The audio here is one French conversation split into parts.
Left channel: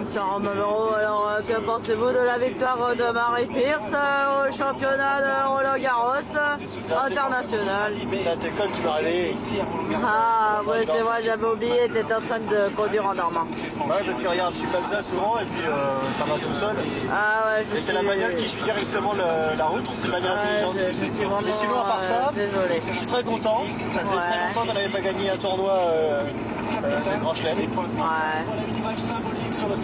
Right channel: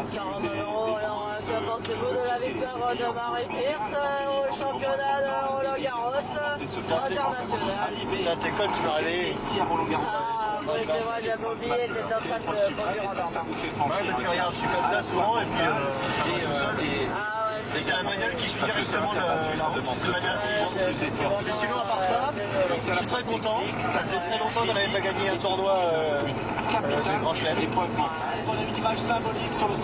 monsieur Romero, alors que pensez-vous de la victoire de Marie Pierce au championnat de Roland-Garros international? Putain, t'es con, tu m'as réveillé. Ah, oui, c'est vrai, j'avais oublié, t'étais en train de conduire en dormant. Ouais, parce que regarde, je suis comme ça souvent et puis ça va tout seul. Ah ouais, et c'est la bagnole qui suit directement la route, c'est une bagnole intelligente. Et sinon, à part ça, je suis très content. Ça faisait très longtemps qu'on n'avait pas gagné un tournoi de Grand Chelem.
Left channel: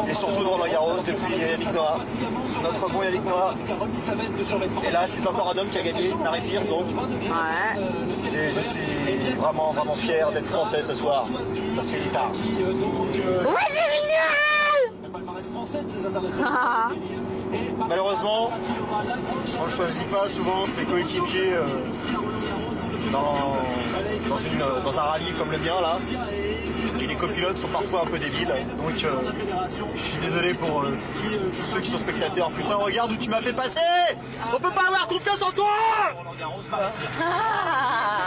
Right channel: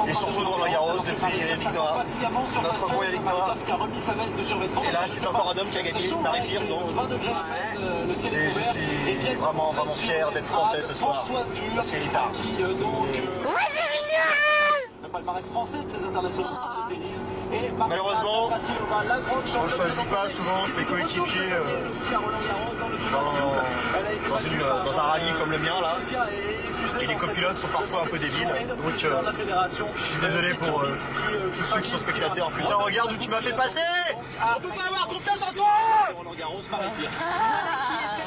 Et surtout de Roland-Garros depuis Yannick Noah, notre bon Yannick Noah. Et là, c'est encore un homme qui a gagné, Marie Pierce donc. Et je suis vraiment fier d'être français ce soir, parce qu'il est tard. Ouais, c'est génial! Malheureusement, on ne choisit pas souvent ses coéquipiers dans un rallye comme le mien là. Et les copilotes sont parfois un peu débiles. Donc je suis désolé pour tous ceux qui sont spectateurs. Putain, regarde où tu m'as fait passer! On peut pas avoir confiance en toi!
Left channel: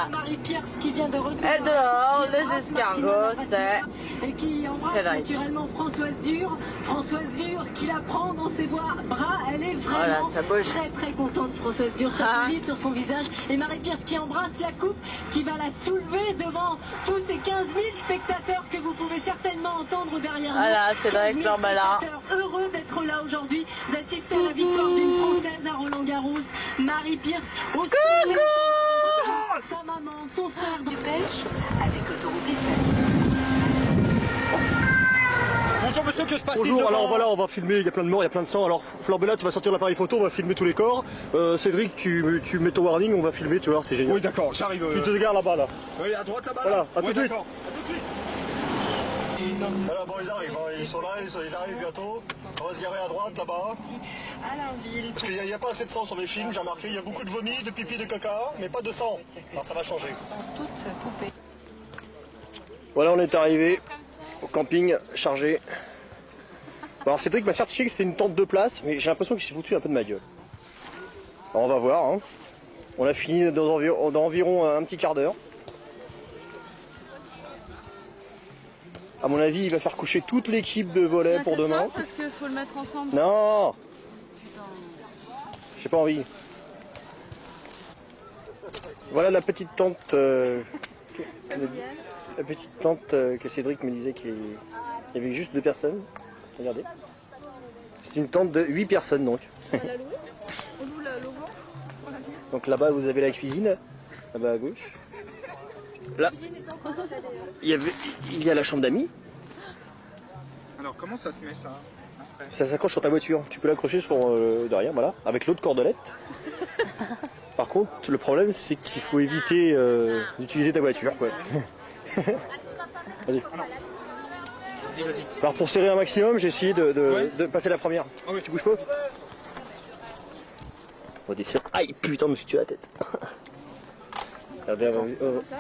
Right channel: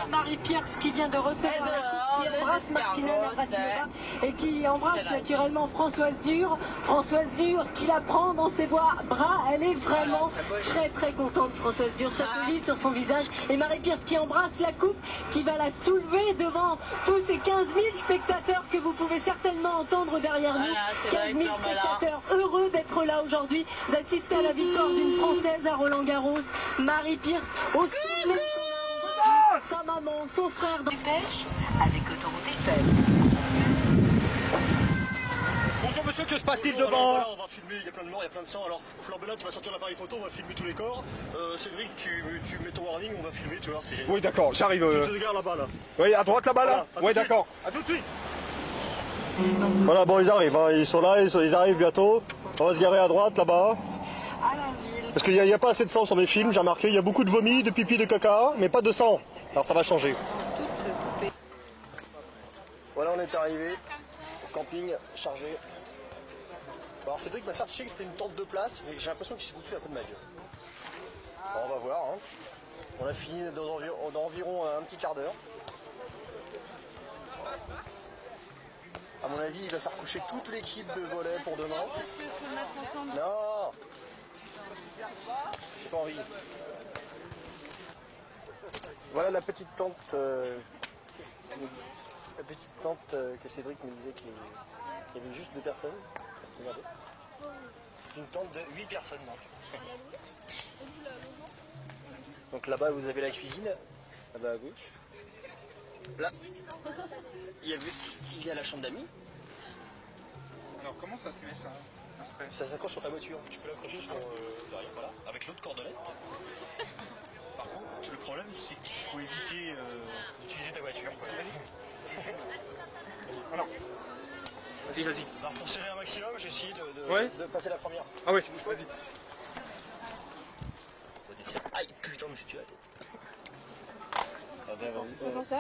Marie Pierce qui vient de retourner. Et dehors, les escargots, c'est... Et qui embrasse naturellement Françoise Dur. Françoise Dur qui la prend dans ses bras. Elle est vraiment très contente. Françoise Dur, ça se lit sur son visage. Et Marie Pierce qui embrasse la coupe, qui va la soulever devant tous ces 15 000 spectateurs que vous pouvez certainement entendre derrière nous. Voilà, c'est vrai que spectateurs heureux d'être là aujourd'hui, d'assister à la victoire d'une Française à Roland-Garros. Marie Pierce au sommet. Sa maman, son frère dans Dépêche avec Autoroute Eiffel. Bonjour monsieur, que se passe-t-il devant? Alors voilà, on va filmer, il y a plein de morts, il y a plein de sang. Alors Flambella, tu vas sortir l'appareil photo, on va filmer tous les corps. Cédric, tu mets ton warning, on va filmer, tu vois, c'est génial. Oui d'accord, j'arrive. Tu te regardes là-bas là. Oui, à droite là-bas là. Oui d'accord. À tout de suite. Voilà, bon ils arrivent, hein. Ils sont là, ils arrivent bientôt. On va se garer à droite là-bas. Parce qu'il n'y a pas assez de sang sur mes films, j'ai remarqué, il y a beaucoup de vomi, de pipi, de caca, mais pas de sang. Alors ça va changer. Voilà, on est arrivé au camping chargé. Alors Cédric m'a certifié que c'était une tente de place, mais j'ai l'impression qu'il s'est foutu un peu de ma gueule. Alors on va voir, hein. On a fini dans environ un petit quart d'heure. À mon avis, il va faire coucher toute l'équipe de volley pour demain. Parce qu'il faut le mettre ensemble. Non, j'ai pas envie. Voilà la petite tente, que Cédric me disait qu'il y avait juste 2 personnes. Regardez. C'est une tente de 8 personnes donc. Donc là-bas vous avez la cuisine, là-bas à gauche. Là, il y a la chambre d'amis. Alors comment ça se met ça après? Ça s'accroche sur ta voiture. Tu peux l'accrocher sur derrière, voilà, avec l'autre cordelette. Par contre, le problème c'est qu'il faut éviter d'utiliser ta voiture. Quoi. Vas-y. Vas-y, vas-y. Alors pour serrer un maximum, j'ai essayé de passer la première. Ah ouais, tu bouges pas. Aïe, putain, je me suis tué la tête. Regardez,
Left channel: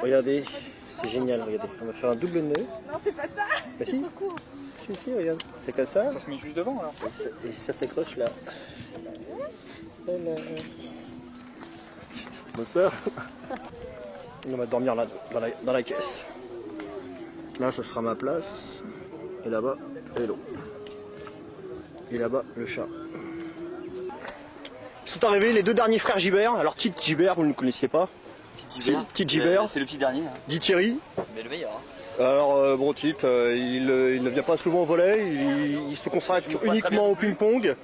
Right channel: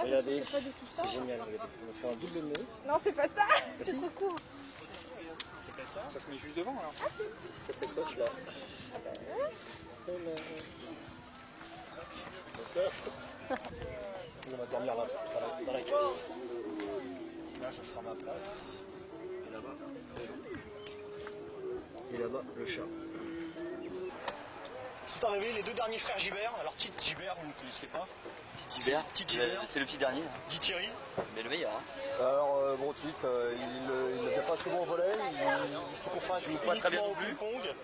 regardez, c'est génial, regardez. On va faire un double nœud. Non, c'est pas ça. Bah si. Si, regarde. C'est comme ça. Ça se met juste devant alors. Et ça s'accroche là. Voilà. Bonsoir. On va dormir là, dans la caisse. Là, ce sera ma place. Et là-bas, vélo. Et là-bas, le chat. Sont arrivés les 2 derniers frères Gibert. Alors, Tite Gibert, vous ne le connaissiez pas. Tite Gibert. C'est le petit dernier. Hein. Dit Thierry. Mais le meilleur. Hein. Alors, bon, Tite, il ne vient pas souvent au volley. Il se consacre uniquement au ping-pong.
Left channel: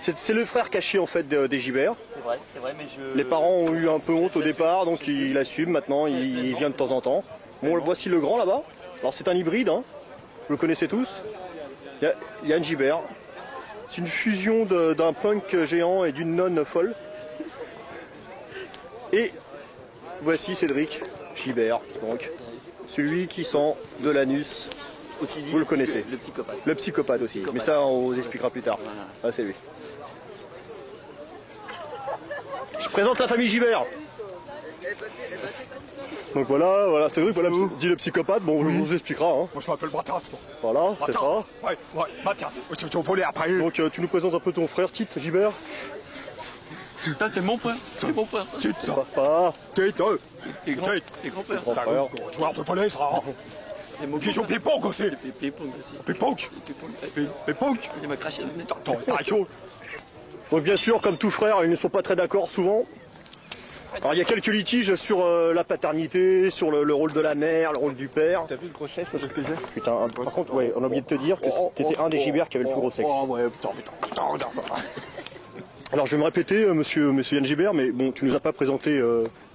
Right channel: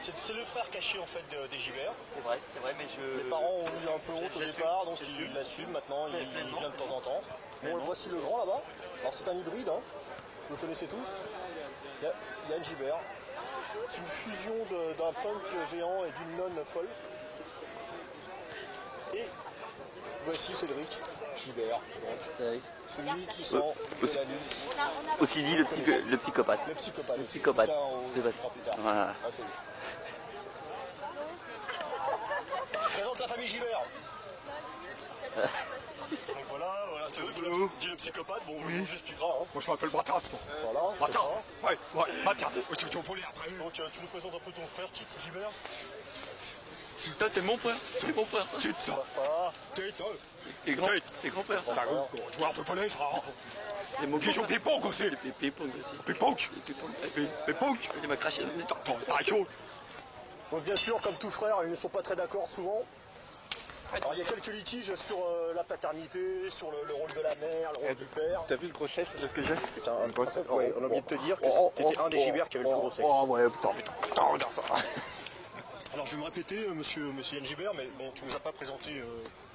C'est le frère caché, en fait, des Gibert. C'est vrai, mais je... Les parents ont eu un peu honte au départ, donc il assume. Maintenant, il vient de temps en temps. Bon, voici le grand là-bas. Alors, c'est un hybride, hein. Vous le connaissez tous. Yann Gibert. C'est une fusion d'un punk géant et d'une nonne folle. Et voici Cédric Gibert, donc celui qui sent de l'anus. Aussi dit, vous le connaissez. Le psychopathe. Le psychopathe aussi. Mais ça, on vous expliquera plus tard. Voilà. Ah, c'est lui. Je présente la famille Gibert. Donc voilà, c'est vrai, voilà, dit le psychopathe, bon, on vous expliquera. Hein. Moi je m'appelle Mathias. Voilà, c'est ça. Ouais, Mathias, tu vas voler après. Donc tu nous présentes un peu ton frère, Tite Gibert. Putain, t'es mon frère, c'est mon frère. Tite, ça. Papa. Tite, et grand frère. C'est un joueur de volley, ça. Pigeon péponque aussi. Péponque aussi. Péponque. Péponque. Il m'a craché le nez. T'as chaud. Donc bien sûr, comme tout frère, ils ne sont pas très d'accord souvent. Alors il y a quelques litiges sur la paternité, sur le rôle de la mère, le rôle du père. T'as vu le gros sexe que j'ai? Putain, par contre, ouais, on a oublié de te dire que t'étais un des gibers qui avait le plus gros sexe. Oh ouais, putain, regarde ça. Alors je vais me répéter, monsieur Yann Gibert, mais bon, tu nous as pas présenté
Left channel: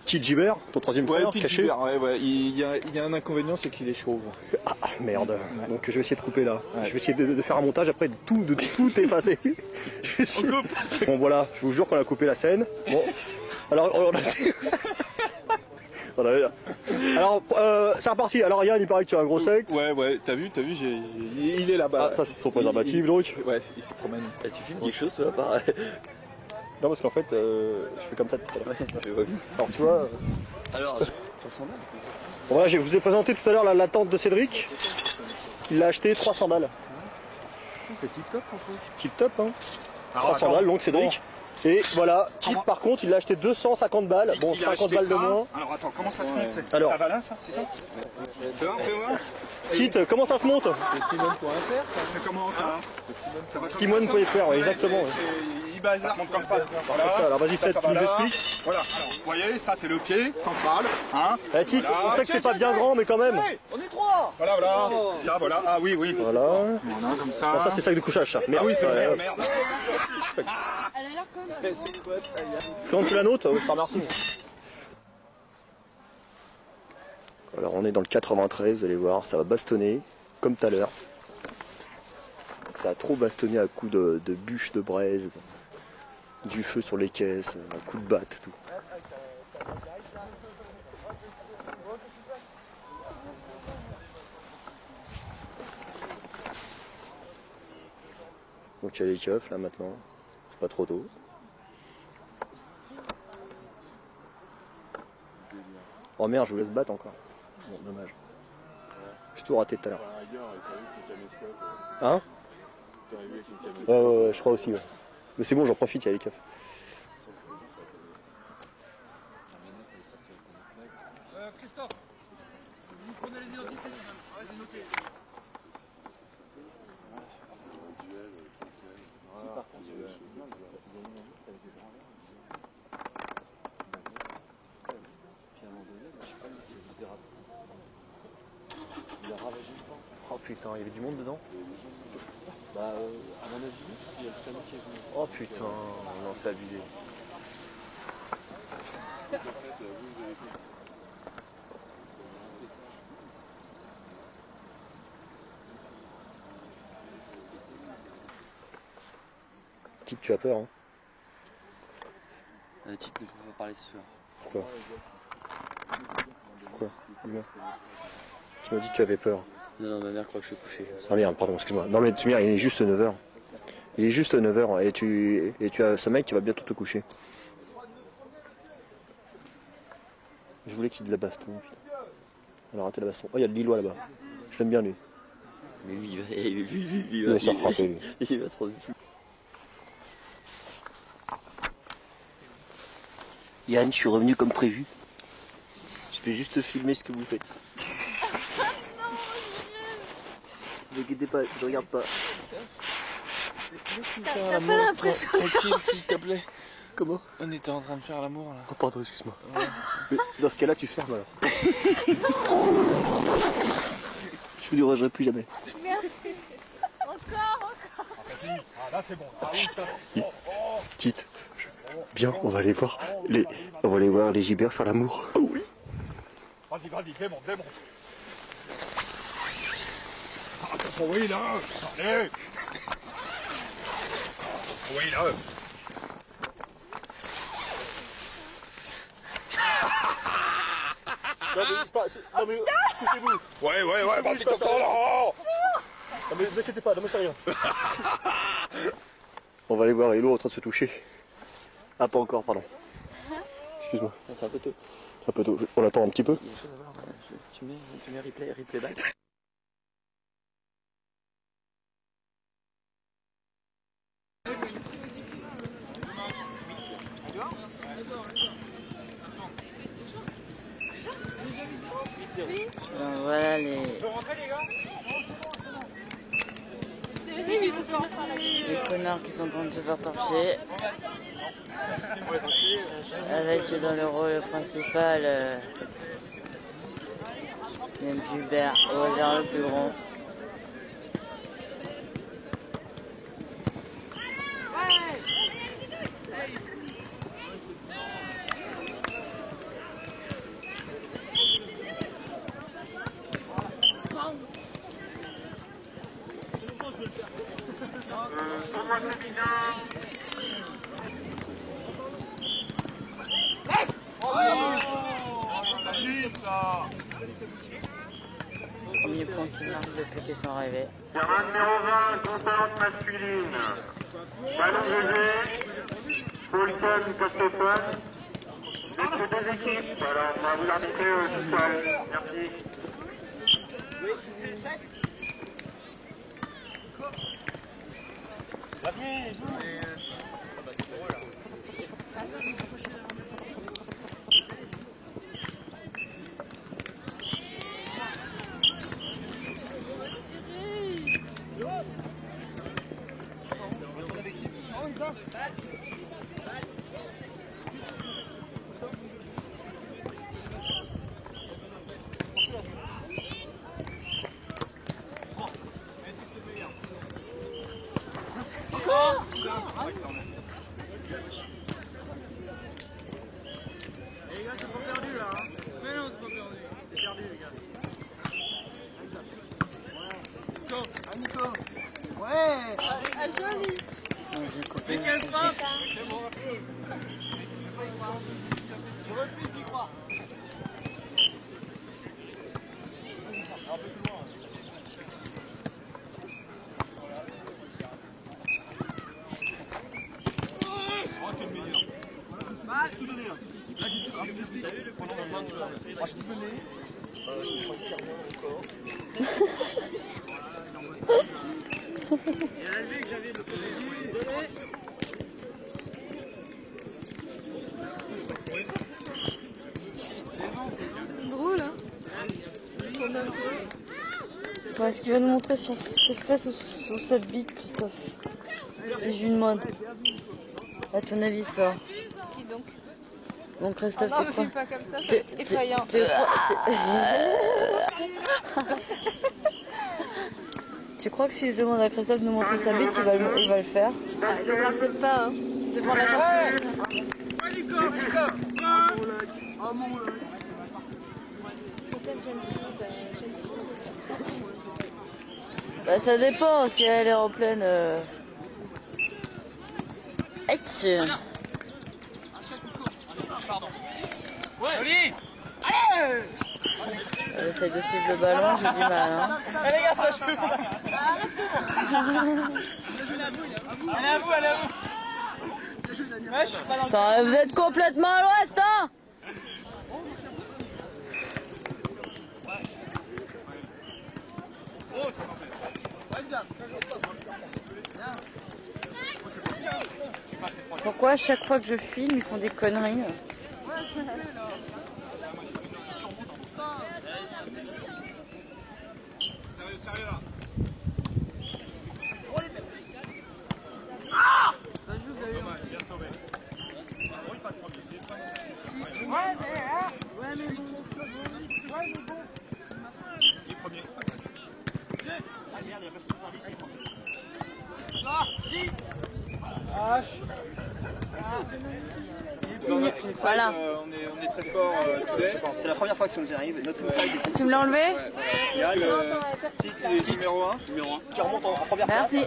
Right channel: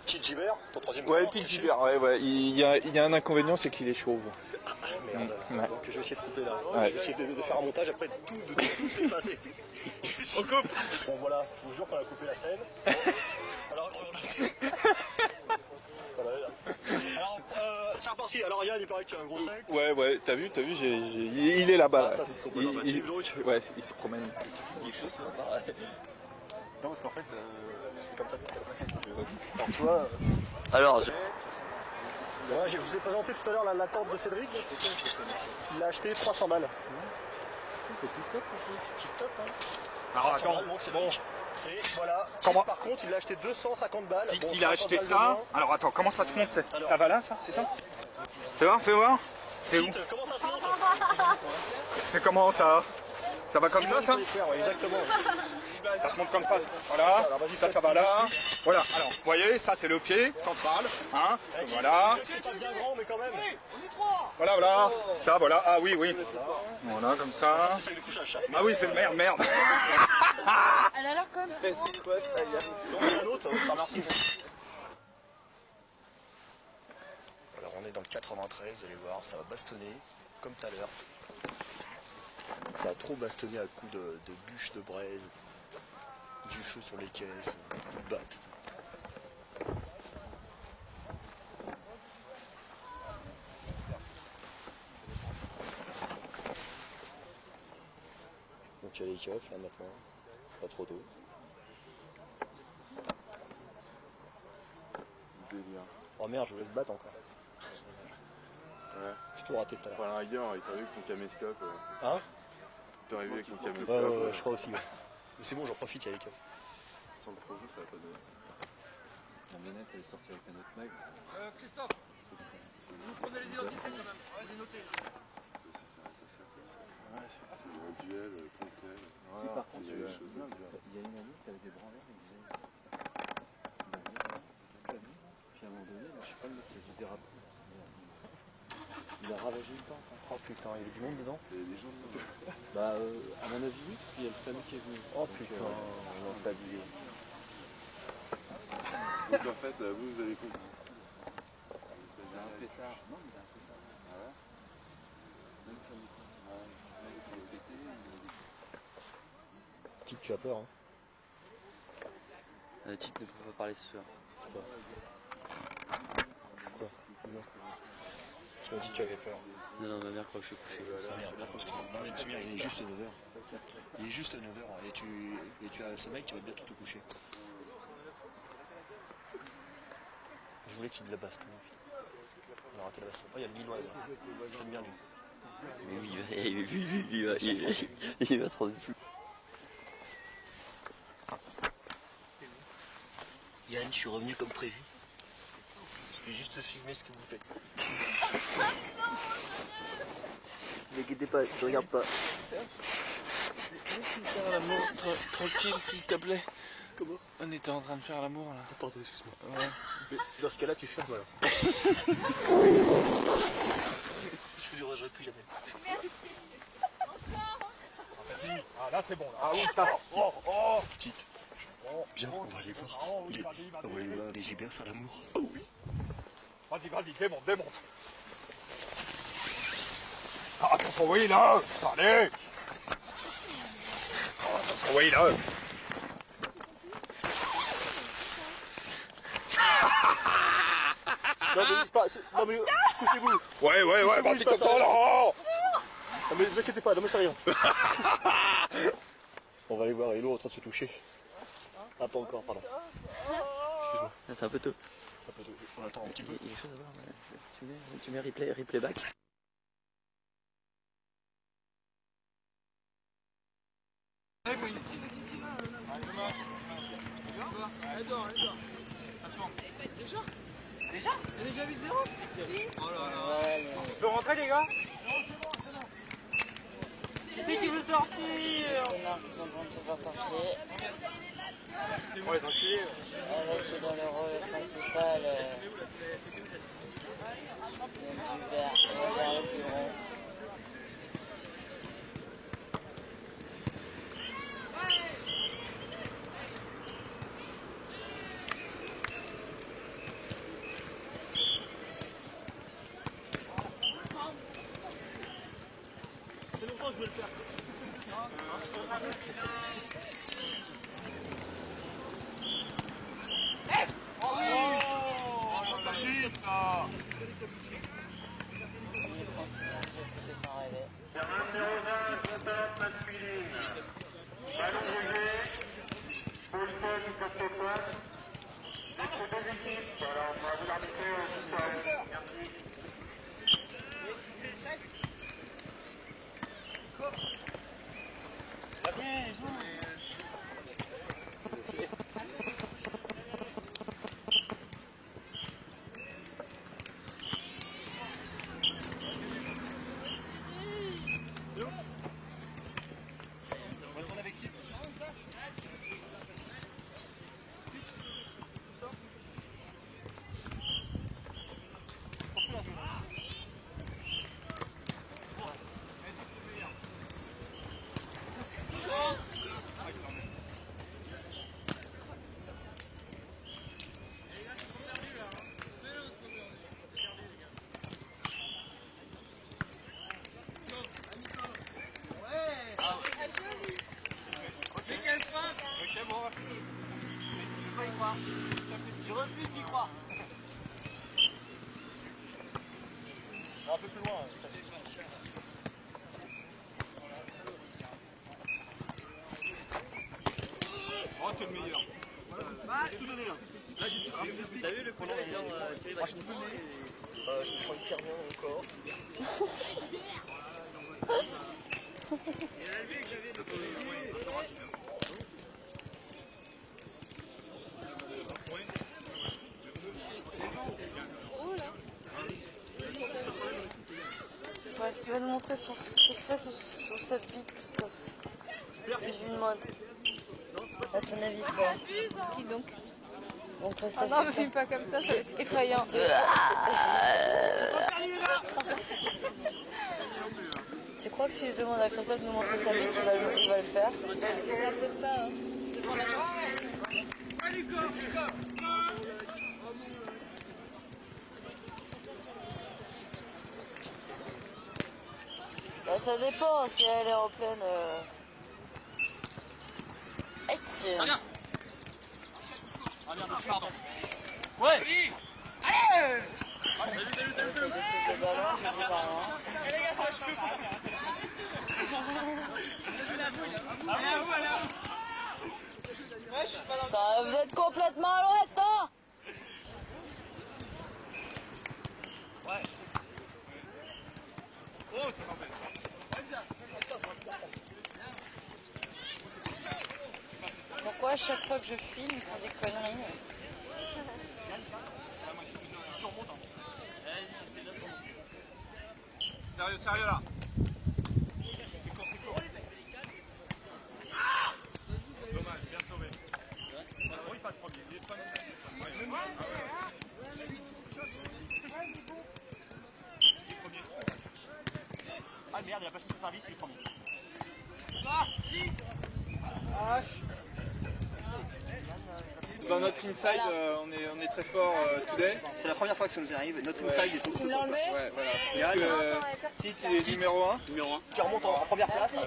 Tite Gibert, ton troisième frère. Ouais, Tite Gibert, ouais. Il y a un inconvénient, c'est qu'il est chauve. Ah merde. Ouais. Donc je vais essayer de couper là. Ouais. Je vais essayer de faire un montage après de tout effacer. On coupe. Bon voilà, je vous jure qu'on a coupé la scène. Bon. Alors on a... Voilà. Alors c'est reparti. Alors Yann, il paraît que tu as un gros sexe. Ouais, t'as vu, il est là-bas. Ah, ça c'est son préservatif donc. Ouais, il se promène. Tu filmes quelque chose là pareil. Non parce qu'en fait je fais comme ça tout à l'heure. Alors tu vois. Alors, Voilà, je vous ai présenté tout à l'heure la tente de Cédric. Il l'a acheté 300 balles. C'est tip top en fait. Tip top hein. Alors, 300 balles donc Cédric. Bon. Et voilà, Tite, par contre il l'a acheté 250 balles. Bon, Il a 50 acheté balles de ça. moins. Alors attends, comment ça se monte Alors. Ça va là, ça, c'est ça? Fais voir. Tite, comment ça se monte? C'est comment ça? Ça va comme Simone ça? peut faire, ouais, exactement. Ça se monte comme ça. Voilà. Alors vas-y, ça va tu nous là. expliques. Voilà. Alors, vous voyez, ça c'est le pied central. Hein. Eh, Tite, Voilà. je sais que c'est pas bien grand, mais quand même. Voilà. Ça, voilà. Ah oui. Voilà. Voilà, comme Ah, ça ça. c'est sac de couchage, ça. Ah oui, c'est merde. Elle a l'air quand même. Quand tu la notes, par merci. Alors on est dans le 93, vous allez voir, ça va bastonner, comme tout à l'heure. Ça a trop bastonné à coups de bûches de braise, du feu sur les caisses, à coups de batte, tout. Donc il y a les keufs là maintenant, c'est pas trop tôt. Oh merde, je vous laisse battre encore. Bon, dommage. J'ai tout raté tout à l'heure. Hein? Je crois aussi, ouais. Mais c'est bon, j'en profite, il y a les keufs. Christophe, vous prenez les identités quand même. Vas-y, notez. Par contre, il y a une amie qui avait des bras en l'air, puis à un moment donné, je sais pas, il a ravagé une porte. Oh putain, il y avait du monde dedans? Bah, à mon avis, il y a le SAMU qui est venu. Oh putain, non, c'est abusé. Donc en fait, vous avez fait. Tite, tu as peur, hein? Tite ne peut pas parler ce soir. Quoi? Dis-moi. Tu m'as dit que tu avais peur. Non, ma mère croit que je suis couché. Ah merde, pardon, excuse-moi. Non mais Tumir, il est juste 9h. Il est juste 9h et tu as ce mec qui va bientôt te coucher. Je voulais qu'il y ait de la baston. On a raté la baston. Oh, il y a de Lillois là-bas. J'aime bien lui. Mais lui, il Il va se faire frapper, lui. il va se rendre fou. Yann, je suis revenu comme prévu. Je vais juste filmer ce que vous faites. Ne vous inquiétez pas, je regarde pas. Laisse-nous faire l'amour tranquille, s'il te plaît. Comment? On était en train de faire l'amour là. Oh pardon, excuse-moi. Ouais. Mais dans ce cas-là, tu fermes alors. Je vous dérangerai plus jamais. Merci. Encore. Ah là c'est bon. Ah oui, ça. Quitte. Bien, on va aller voir les gibers faire l'amour. Oh oui. Vas-y, démonte. Ah, attention, oui, là. Allez. Oui, là. Non mais non mais écoutez-vous. Ouais, vas-y comme ça, là. Non mais ne vous inquiétez pas, non mais c'est rien. On va aller voir Hello en train de se toucher. Ah pas encore, pardon. Excuse-moi. C'est un peu tôt. Un peu tôt. On attend un petit peu. Tu mets replay back. Voilà les... Les connards qui sont en train de se faire torcher. Avec dans le rôle principal Yann Gilbert, au hasard le plus grand. Premier point qui marque depuis qu'ils sont arrivés. Terrain numéro 20, composante masculine. Ballon levé, Paulson, Costepan. C'est deux équipes. Alors, on va vous arbitrer au sol. Merci. Je refuse d'y croire. Un peu plus loin. Oh, t'es le meilleur. J'ai tout donné. Là, j'ai tout donné. T'as vu le coup de j'ai tout donné. Je me sens hyper bien encore. Est-ce qu'il va nous montrer ses fesses ou sa bite, Christophe? Si je lui demande. À ton avis, quoi? Qui donc? Bon, Christophe, non, me filme pas comme ça va être effrayant. Tu crois que si je demande à Christophe de nous montrer sa bite, il va le faire? Je sais peut-être pas, hein. C'est pour la Bah ça dépend si elle est en pleine... Action. Pardon. Ouais. Allez. Elle essaie de suivre le ballon, j'ai du mal, hein. Allez les gars, ça je peux pas. Allez à vous, allez à vous. Putain, vous êtes complètement à l'ouest, hein. Ouais. Oh, c'est pas fait. Pourquoi à chaque fois que je filme, ils font des conneries? Sérieux là. Ah! Dommage, bien sauvé. Bon, il passe premier. Il est premier. Ah merde, il a passé le service, il est premier. Dans notre inside, Voilà. on est très fort today. C'est la première fois que ça nous arrive. Notre inside est Tu me l'as enlevé? Ouais, voilà. Yann, Tite est numéro 1. Qui remonte en première place. Merci.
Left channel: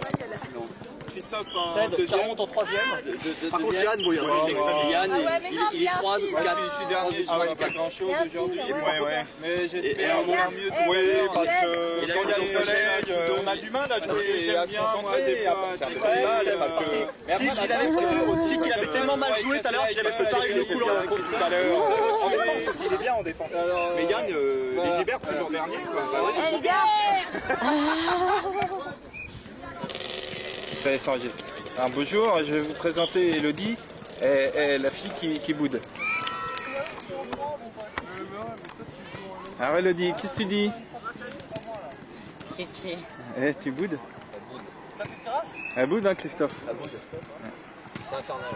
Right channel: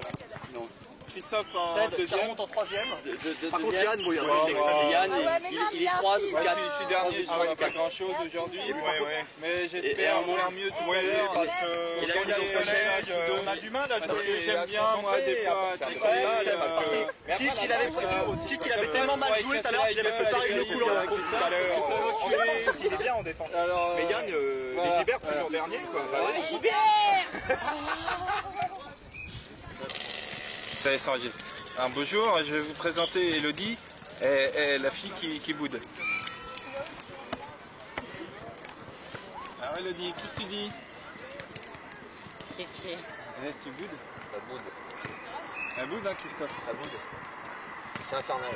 Christophe en Cède, qui deuxième. remonte en troisième. Par contre, deuxième. Yann, bon, il Yann, il est 3 ou 4. Je suis dernier, je Ah ouais, vois pas grand chose aujourd'hui. Ouais. Mais j'espère faire mieux tout à Oui, l'heure. parce que quand il y a le soleil, on a du mal à jouer, à se concentrer. Tite, il avait tellement mal joué tout à l'heure qu'il avait préparé le coup dans la course tout à l'heure. En défense aussi, il est bien en défense. Mais Yann, les Gilbert, toujours dernier. Ça y est, ça enregistre. Alors, bonjour, je vais vous présenter Elodie, la fille qui boude. Alors Elodie, qu'est-ce que tu dis? Kiki. Eh, tu boudes? La boude. Elle boude, hein, Christophe? La boude. C'est infernal.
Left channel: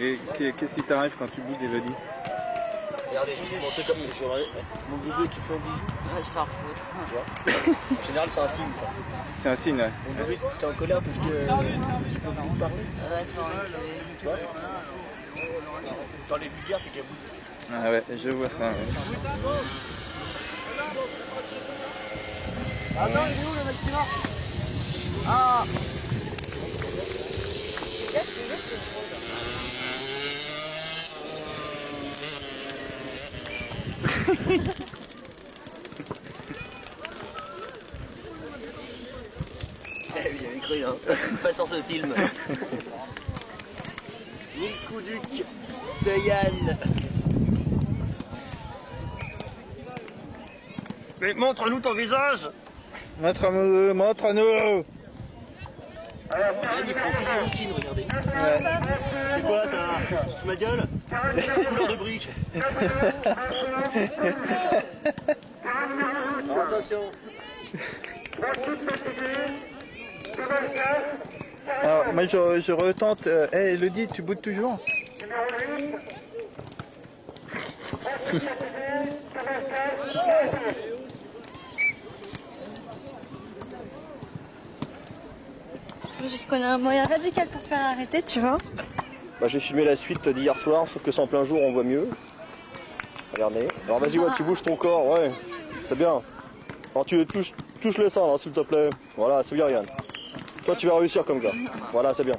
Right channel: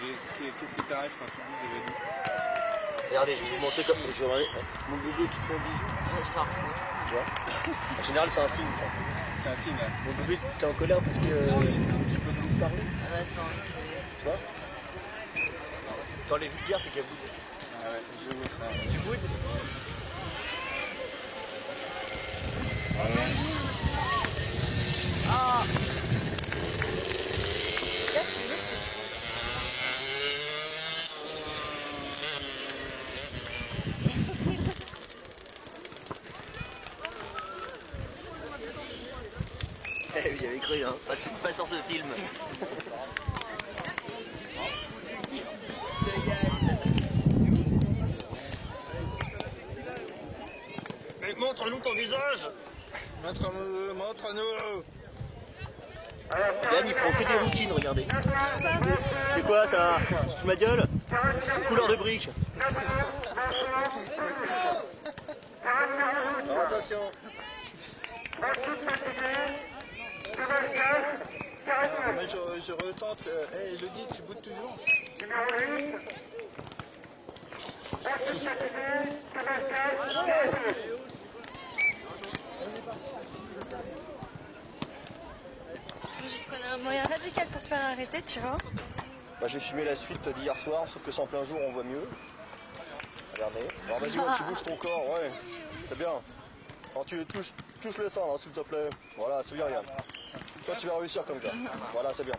Et qu'est-ce qui t'arrive quand tu boudes, Elodie? Regardez, je vais vous montrer comme. Mon bébé qui fait un bisou. Il va te faire foutre. Tu vois? En général, c'est un signe, ça. C'est un signe, hein. Mon bébé, t'es en colère parce que j'ai pas voulu te parler. Va te faire enculer. Tu vois? Quand les vulgaires, c'est qu'elle boude. Ah ouais, je vois ça. Ouais. Tu boudes? Attends, il est où le maximum? Ah! Eh oui, j'avais cru, hein. Pas sur ce film. Mon coup du de Yann. Mais montre-nous ton visage. Montre-nous, montre-nous. Yann, il prend que des routines, regardez. C'est quoi ça? Tu ma gueule? Couleur de brique. Alors, attention. Alors, moi je retente. Hey, Elodie, tu boudes toujours? Juste qu'on a un moyen radical pour te faire arrêter, tu vois. Bah, j'ai filmé la suite d'hier soir, sauf que c'est en plein jour, on voit mieux. Regardez. Alors vas-y, ouais, tu bouges ton corps, ouais. C'est bien. Alors tu touches le sein, s'il te plaît. Voilà, c'est bien, Yann. Toi, tu vas réussir comme gars. Voilà, c'est bien.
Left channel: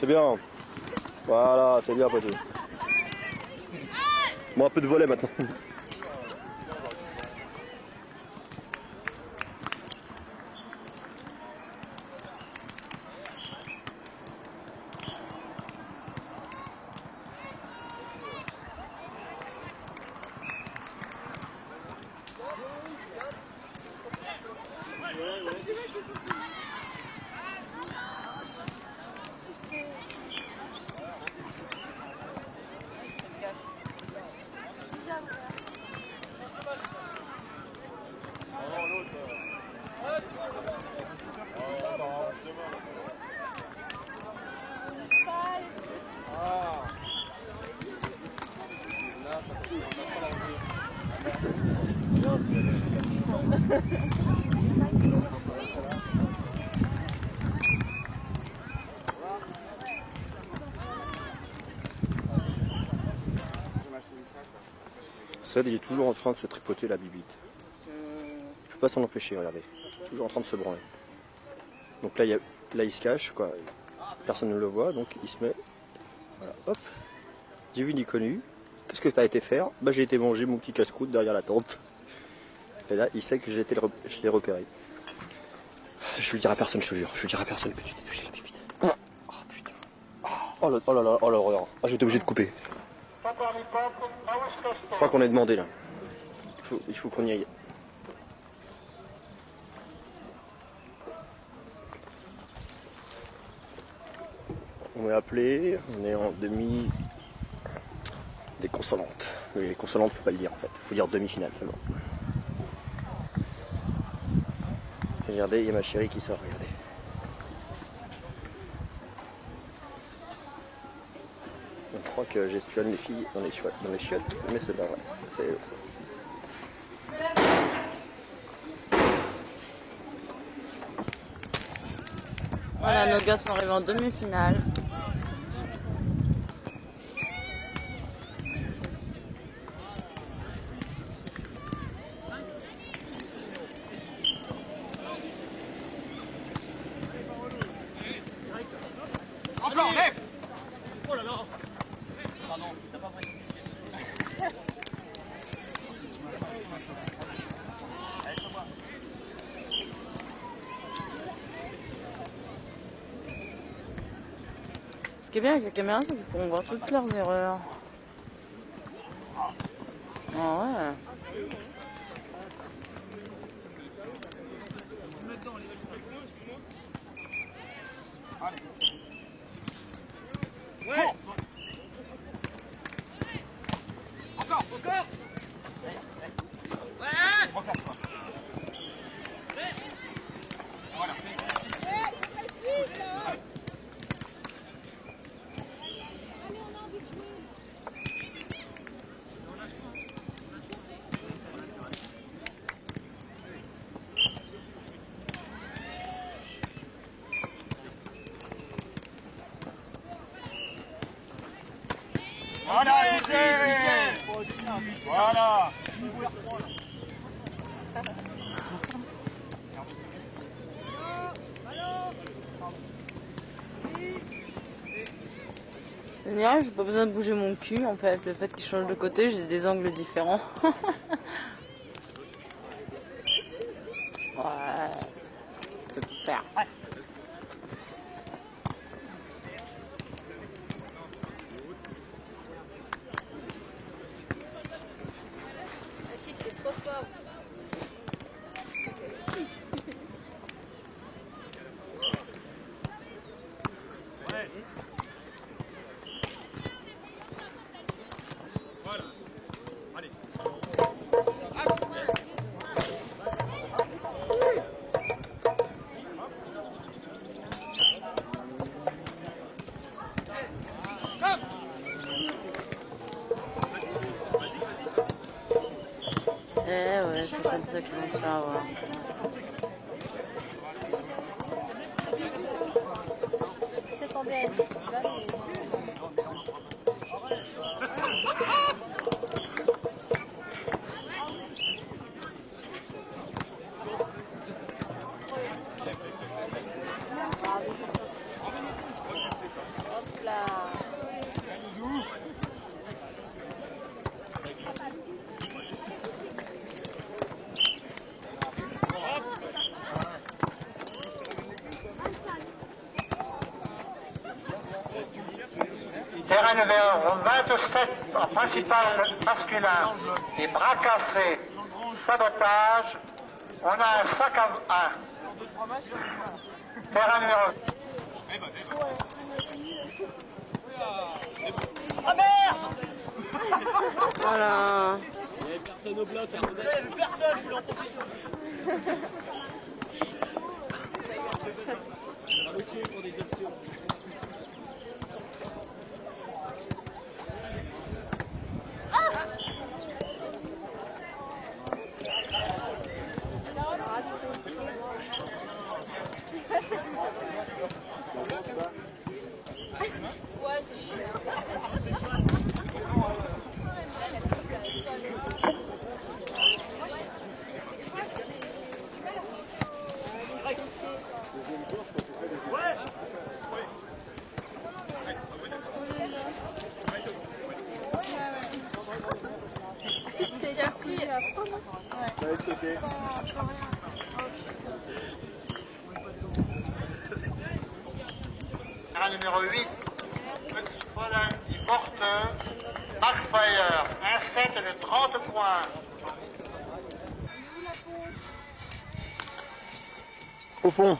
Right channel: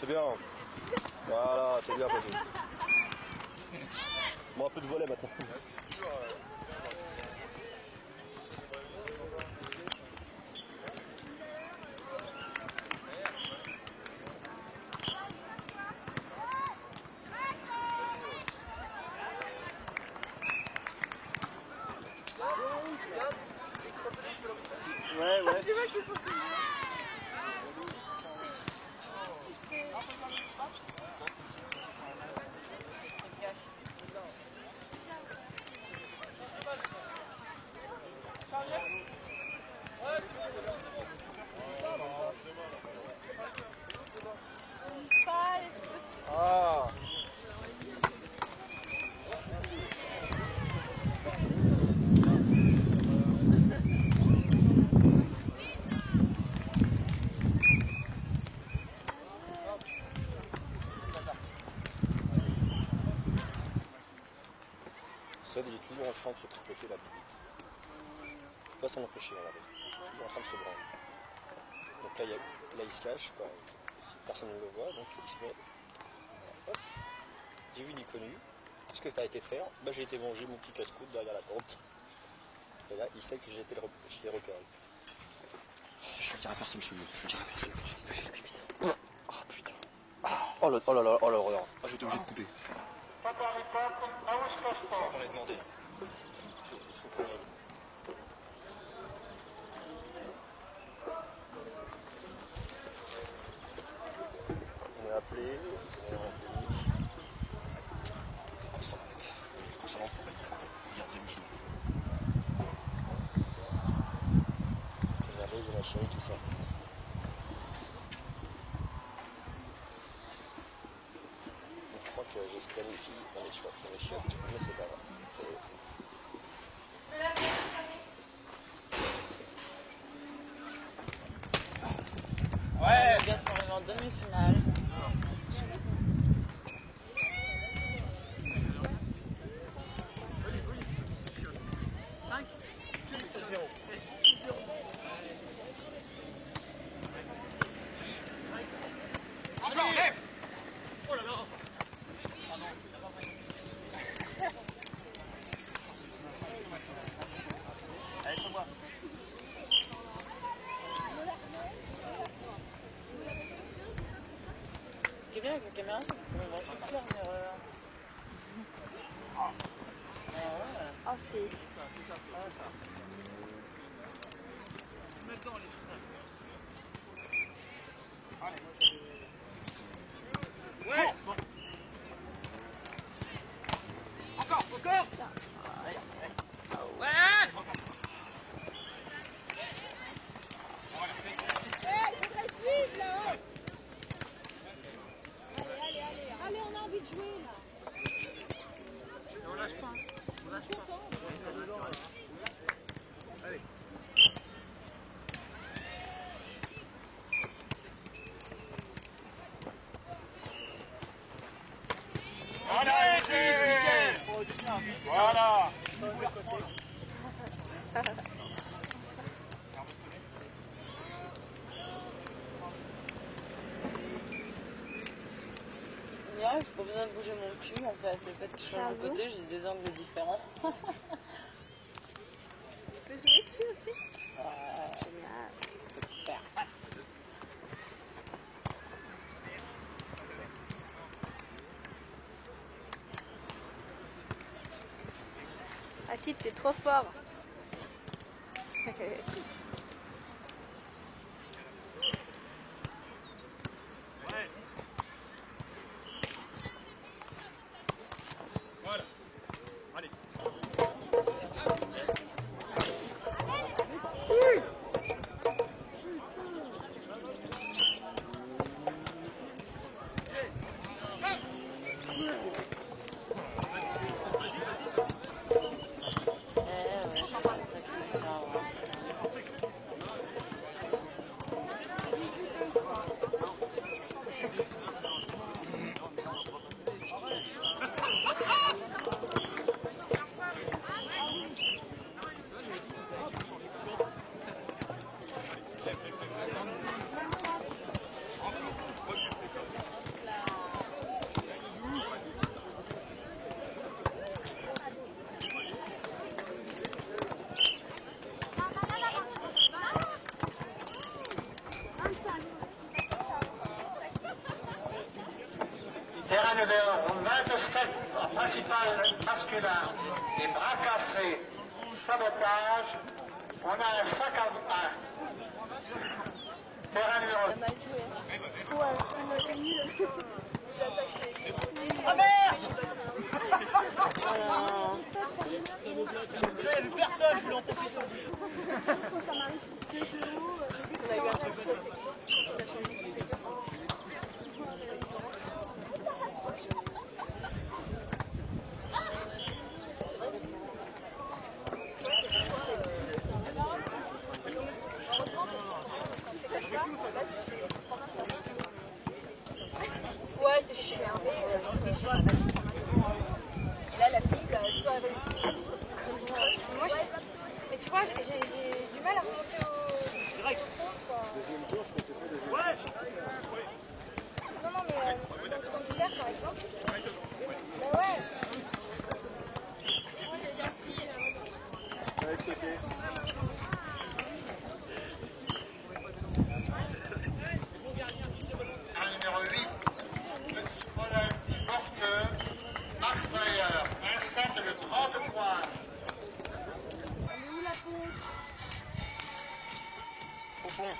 C'est bien. Voilà, c'est bien, poteau. Bon, un peu de volet maintenant. Seth, il est toujours en train de se tripoter la bibite. Je peux pas s'en empêcher, regardez. Toujours en train de se branler. Donc là, il se cache, quoi. Personne ne le voit, donc il se met. Voilà, hop. J'ai vu ni connu. Qu'est-ce que tu as été faire? Bah, j'ai été manger mon petit casse-croûte derrière la tente. Et là, il sait que je l'ai repéré. Je le dirai à personne, je te jure. Je le dirai à personne que tu t'es touché la bibite. Oh putain. Oh là là, oh là là. Ah, j'étais obligé de couper. Je crois qu'on est demandé là. Il faut qu'on y aille. On est appelé, on est en demi des consonantes. Les consonantes, faut pas le dire en fait. Faut dire demi-finale seulement. Regardez, il y a ma chérie qui sort, regardez. Je crois que j'espionne les filles dans les chiottes, mais c'est pas vrai. Voilà, nos gars sont arrivés en demi-finale. Encore, lève! Oh là là! Pardon, t'as pas pris. Allez, sur moi. Ce qui est bien avec la caméra, c'est qu'ils pourront voir toutes leurs erreurs. Ah ouais. Ouais! Encore! Encore! Ouais! Voilà. Je dirais, j'ai pas besoin de bouger mon cul en fait. Le fait qu'il change de côté, j'ai des angles différents. Ouais, je peux tout faire. Ouais. Ah, type, t'es trop fort. Ouais. Voilà. Allez. Eh ouais, c'est pas ça que je me suis avoir. C'est tombé. Terrain numéro 27 en principal masculin, des bras cassés, sabotage, on a un sac à 1. Terrain numéro... Ah merde! Voilà. J'avais vu personne, je voulais en profiter. Ouais, c'est super. Là, la fille, elle soit avec. Moi, mais tu vois, j'ai du mal à penser au. Direct. Ouais. Non, non, mais. Comme c'est déjà pris. Ouais, de côté. Terrain numéro 8, Petit Fräulein die Porte, Markfire, un set de 30 points. Au fond.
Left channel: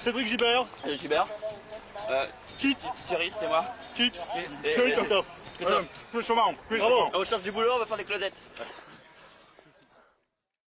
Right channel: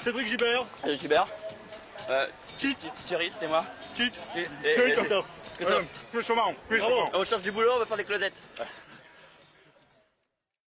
Cédric Gibert. Gibert. Thierry, c'était moi. Christophe. Christophe. Plus souvent. Bravo. On cherche du boulot, on va faire des closettes.